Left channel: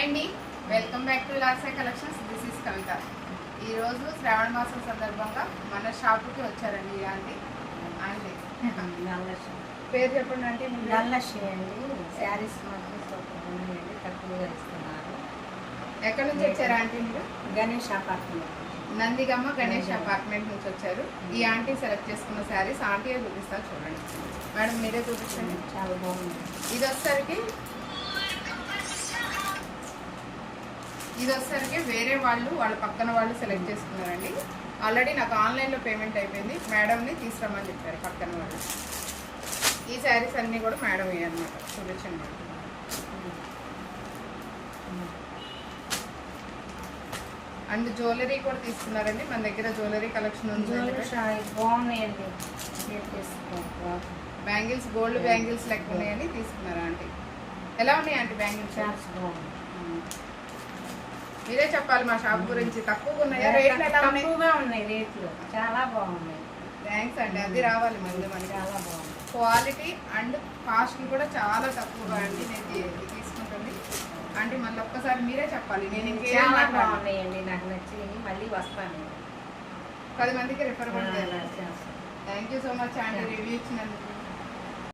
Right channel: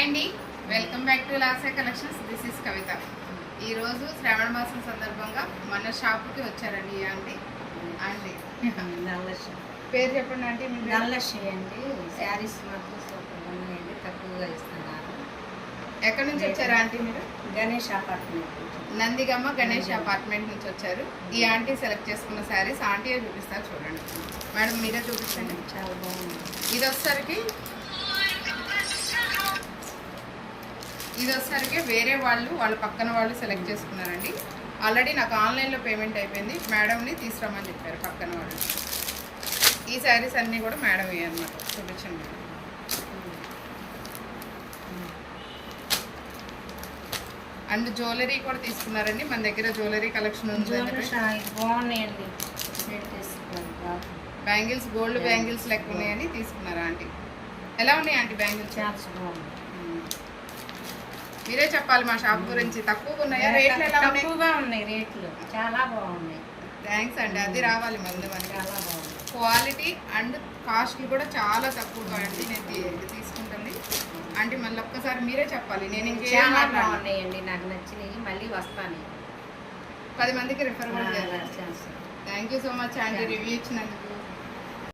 Hi అండి, welcome back to లాసే collections. This is Kavitha. ఈరోజు శ్రావణ మాసం సందర్భంగా మన షాపుకి వచ్చారండి ఈ ఆంటీ. ఆంటీ పేరు చెప్పండి ఆంటీ. నల్లశ్రీ అండి. శారీస్ మాత్రం సూపర్ ఉన్నాయండి, తక్కువగా ఇస్తున్నారు. ఎక్కడి నుంచి వచ్చారు ఆంటీ మీరు? గణేష్ అపార్ట్మెంట్, నందిగమ్మ గణేష్ అపార్ట్మెంట్ నుంచి వచ్చారు. ఈ ఆంటీ సెలెక్ట్ చేసుకున్న శారీస్ ఆంటీయే చూపిస్తారు, చూడండి మేడం, మీరే చూపించండి. చాలా బాగుంది. ఇది వచ్చేసరికి వేరే వాళ్ళ పక్కన వాళ్ళు సెలెక్ట్ చేసుకున్నారండి. ఆల్రెడీ నాకు ఆన్లైన్లో పేమెంట్ అయిపోయింది. మేడంని తీసుకురమ్మని చెప్పారు పక్కన వాళ్ళు. ఈ శారీస్ అన్నీ కూడా మేడం అనమాట. చూపించండి మేడం. అండ్ జ్యువెలరీ కూడా తీసుకున్నారండి. మన దగ్గర జ్యువెలరీ కలెక్షన్ ఉంది. బాగున్నాయండి. బ్యాంగిల్స్ గోల్డ్ బ్యాంగిల్స్ లెక్క ఉన్నాయని తీసుకున్నారా ఆంటీ? ఎలా ఉన్నాయి ఆంటీ బ్యాంగిల్స్? మీరే చెప్పాలి మా షాప్ గురించి. తక్కువగా ఉన్నాయా? రేట్లు ఎలా ఉన్నాయి? తక్కువగా ఉన్నాయి, రేట్లు చాలా బాగున్నాయి. థ్యాంక్స్ అండి, అది రావాలి ముందు మనకి. చాలా బాగుంది. క్వాలిటీ అండ్ కాస్ట్ కూడా చాలా తక్కువగా అండి. నేను తీసుకుంటుంది అంటే మళ్ళీ ఒక్కసారి మీరే చెప్పాలి. నేను ఇంకేం బాగున్నాయండి, నాకు నచ్చినవి. మళ్ళీ వస్తాను, 10 మందికి రిఫర్ కూడా చేయాలి. చేస్తాను. Thank you so much aunty review ఇచ్చినందుకు.